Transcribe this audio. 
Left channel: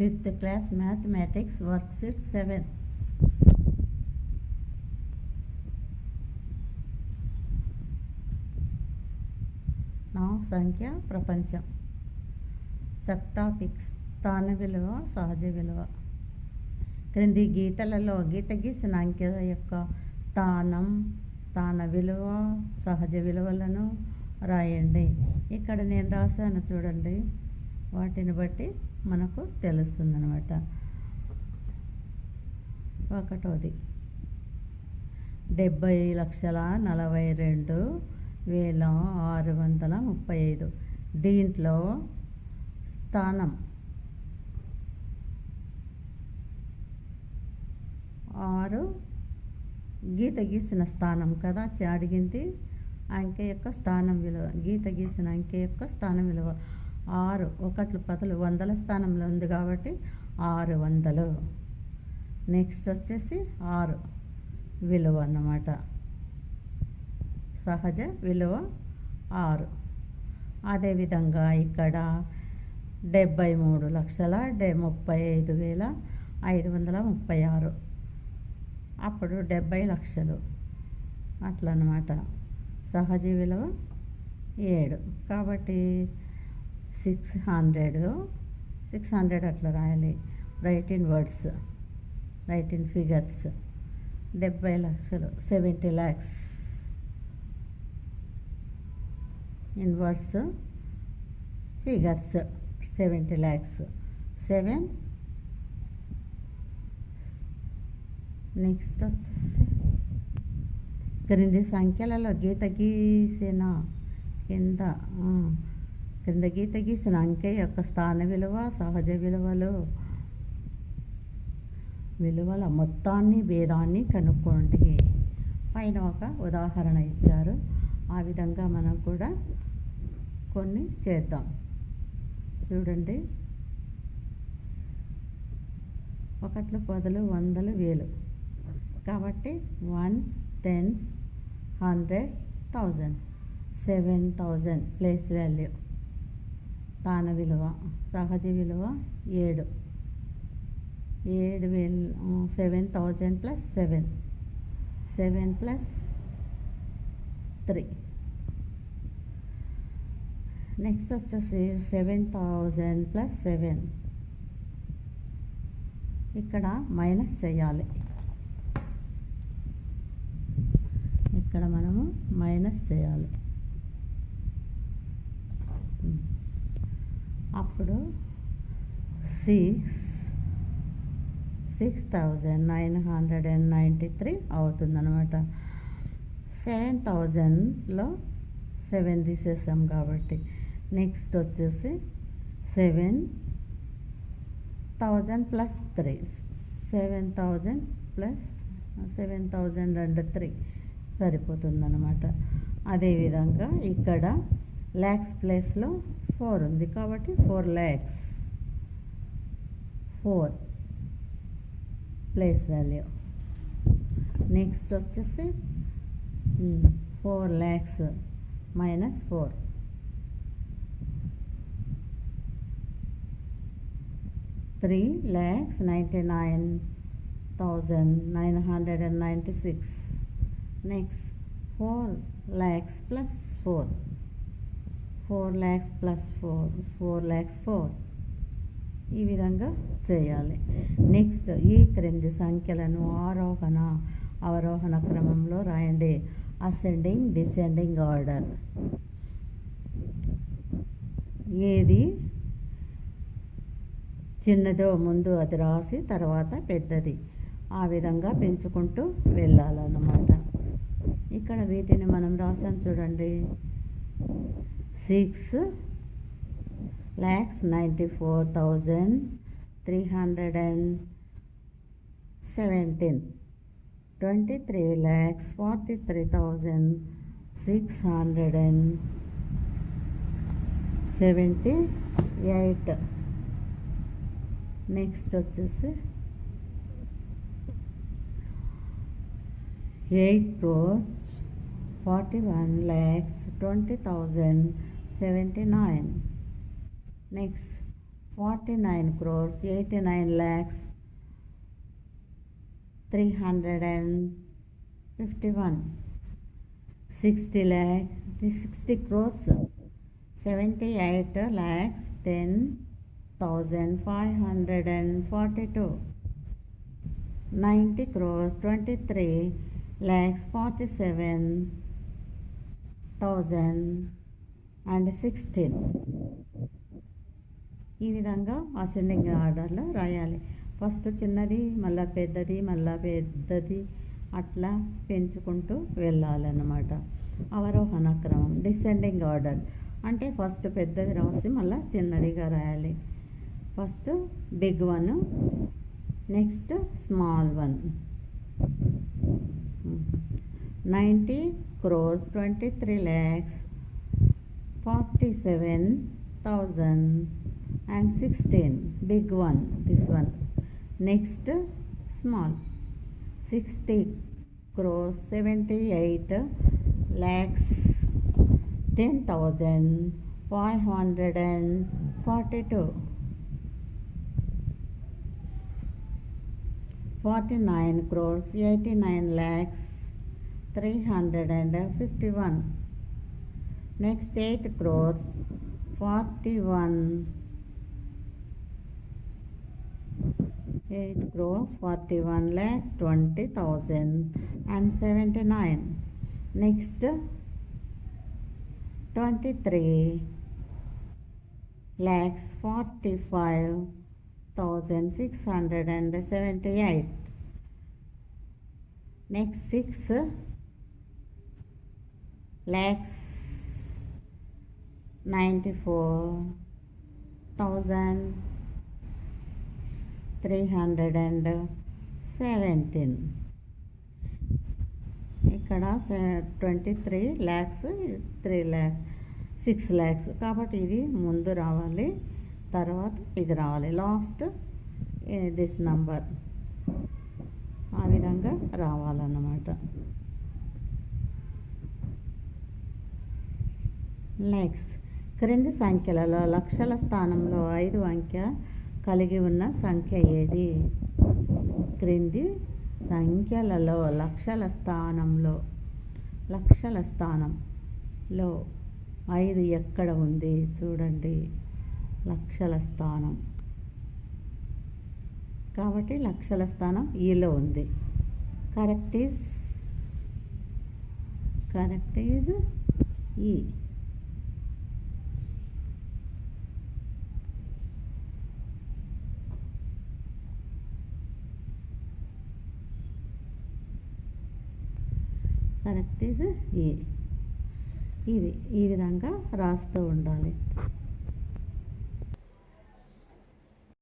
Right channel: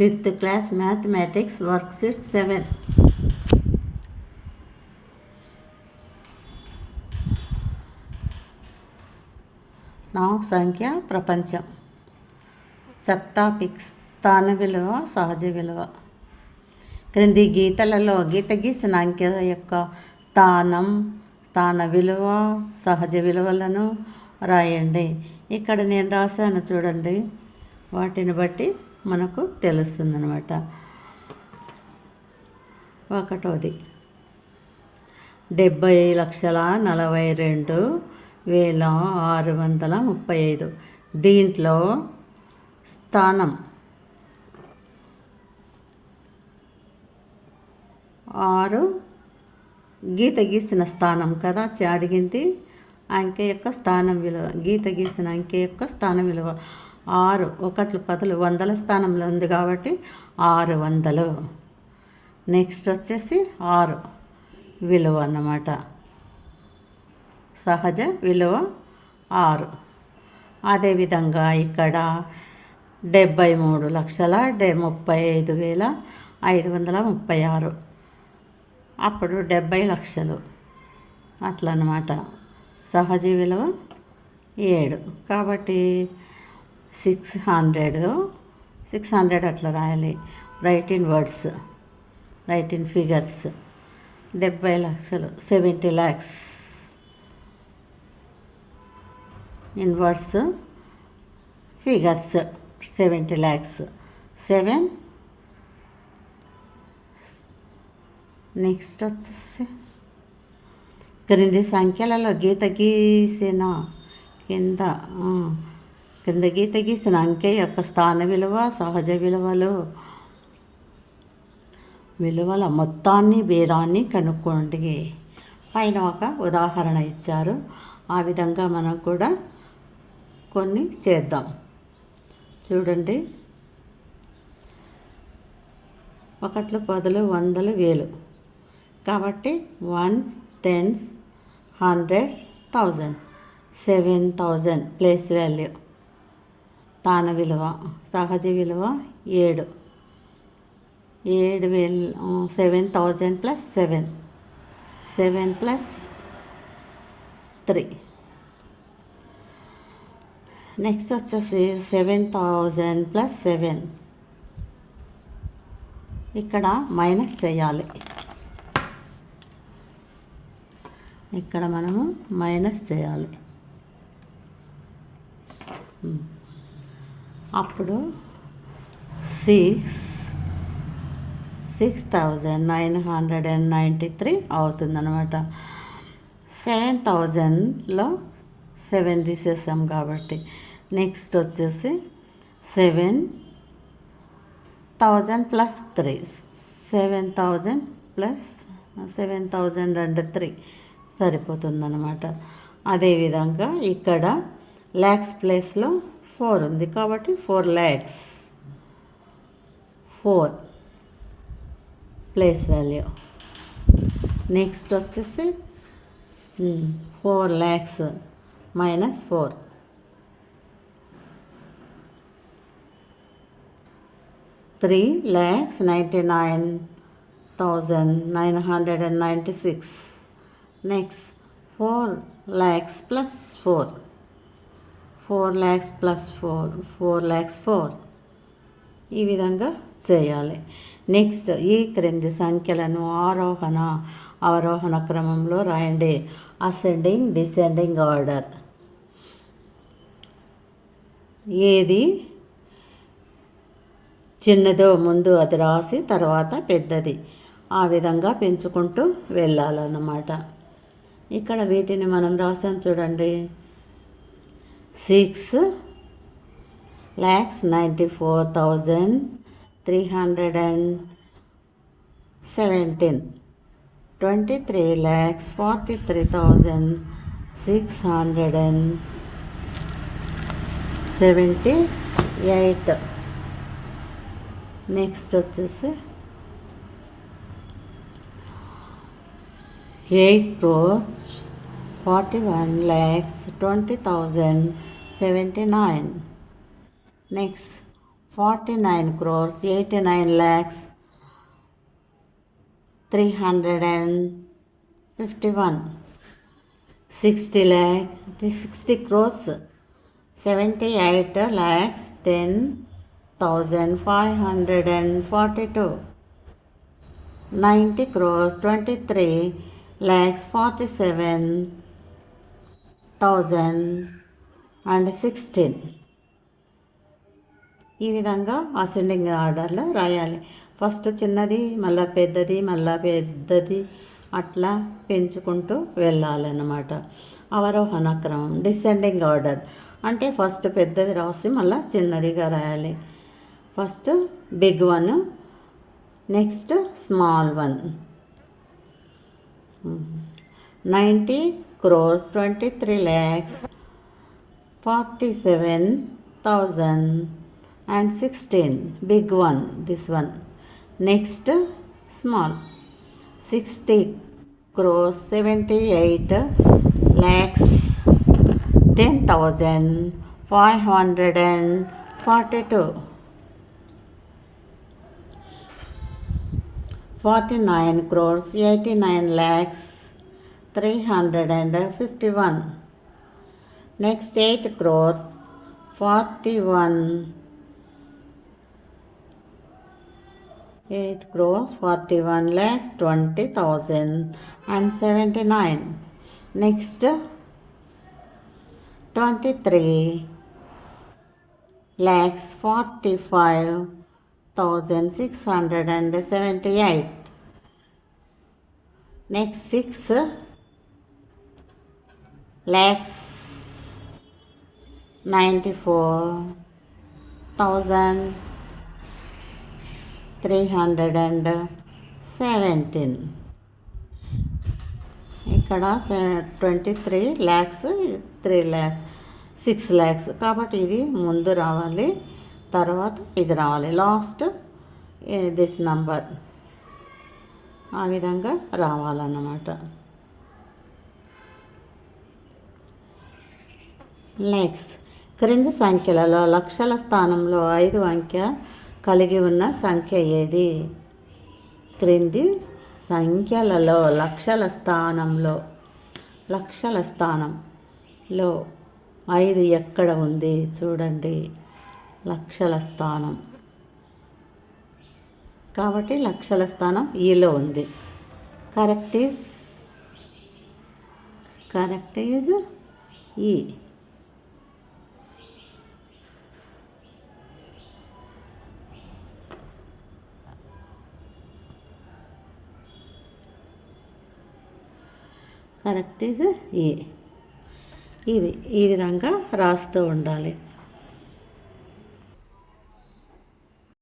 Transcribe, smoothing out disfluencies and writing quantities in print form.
5th class mathematics worksheet 7. నా సంఖ్య ప్రపంచం. సబ్ టాపిక్స్: స్థాన విలువ, సహజ విలువ. క్రింది గీతలలో గీత గీసిన అంకె యొక్క స్థాన విలువ, సహజ విలువలను రాయండి. ఇక్కడ నేను రాశాను చూడండి, వాటిని బట్టి మనకు తెలుస్తుందన్నమాట. ఒకటోది 70,42,635. దీంట్లో స్థానం 6 గీత గీసిన స్థానం కదా అడిగింది. అంకె యొక్క స్థానం విలువ, గీత గీసిన అంకె యొక్క స్థానం విలువ 6. 1 10 వందల స్థానంలో ఉంది కాబట్టి 600. నెక్స్ట్ వచ్చేసి 6 విలువ అన్నమాట. సహజ విలువ 6. అదేవిధంగా ఇక్కడ 73,35,536. అప్పుడు 70 లక్షలు అట్లా అన్నమాట. సహజ విలువ 7 కాబట్టి 600 అట్లా రాయాలి. Right in words, right in figures. 70 లక్షలు 70 lakhs. In words, figures 70 lakhs. 7. Next వచ్చేసి క్రింది సంఖ్యలలో గీత గీసిన కింద గీత గీసిన అంకె యొక్క స్థాన విలువ, సహజ విలువల మొత్తాన్ని, భేదాన్ని కనుక్కోండి. పైన ఒక ఉదాహరణ ఇచ్చారు. ఆ విధంగా మనం కూడా కొన్ని చేద్దాం. చూడండి, 1 10 100 1000 కాబట్టి 1 10 100 1000. 7000 ప్లేస్ వాల్యూ. స్థాన విలువ, సహజ విలువ 7. 7000 ప్లస్ 7 ప్లస్ 3. నెక్స్ట్ వచ్చేసి 7000 ప్లస్ 7. ఇక్కడ మైనస్ చేయాలి. ఇక్కడ మనము మైనస్ చేయాలి. అప్పుడు 6,993 అవుతుందన్నమాట. 7,000లో 7 తీసేసాం కాబట్టి నెక్స్ట్ వచ్చేసి 7,000 ప్లస్ 3. 7,000 plus 7,000 and 3 సరిపోతుందన్నమాట. అదేవిధంగా ఇక్కడ ల్యాక్స్ ప్లేస్లో 4 ఉంది కాబట్టి 4 lakhs. 4 place value. నెక్స్ట్ వచ్చేసి 4 lakhs minus 4. 3,99,996. Next 4 lakhs plus 4. 4 lakhs plus 4 lakhs 4. ఈ విధంగా చేయాలి. నెక్స్ట్ ఈ క్రింది సంఖ్యలను ఆరోహణ అవరోహణ క్రమంలో రాయండి. Ascending descending order. ఏది చిన్నదో ముందు అది రాసి తర్వాత పెద్దది, ఆ విధంగా పెంచుకుంటూ వెళ్ళాలన్నమాట. ఇక్కడ వీటిని మనం రాసాం చూడండి. 6,94,317. 23,43,678. నెక్స్ట్ వచ్చేసి 8,41,20,079. Next 49 crores 89 lakhs 351. 60 lakh 60 crores 78 lakhs 10,542. 90 crores 23 lakhs 47,016. ఈ విధంగా అసెండింగ్ ఆర్డర్లో రాయాలి. ఫస్ట్ చిన్నది, మళ్ళీ పెద్దది, మళ్ళీ పెద్దది, అట్లా పెంచుకుంటూ వెళ్ళాలన్నమాట. అవరోహణ క్రమం. డిసెండింగ్ ఆర్డర్ అంటే ఫస్ట్ పెద్దది రాసి మళ్ళీ చిన్నదిగా రాయాలి. First big one, next small one. 90 crores 23 lakhs 47,016. Big one, this one. Next small. 60 crores 78 lakhs 10,542. 49 crores 89 lakhs 351. Next 8 crores 41 lakhs 20,079. Next 23 lakhs 45,678. Next 6 lakhs 94,317. ఇక్కడ 23 lakhs 6 lakhs కాబట్టి ఇది ముందు రావాలి, తర్వాత ఇది రావాలి, లాస్ట్ దిస్ నంబర్. ఆ విధంగా రావాలన్నమాట. నెక్స్ట్ క్రింది సంఖ్యలలో లక్షల స్థానంలో 5 అంకె కలిగి ఉన్న సంఖ్య ఏది? క్రింది సంఖ్యలలో లక్షల స్థానంలో 5 ఎక్కడ ఉంది చూడండి. లక్షల స్థానం కాబట్టి లక్షల స్థానం ఈలో ఉంది. కరెక్ట్ ఈజ్ ఈ. కరెక్ట్ ఈజ్ ఈ. ఈ విధంగా రాస్తూ ఉండాలి.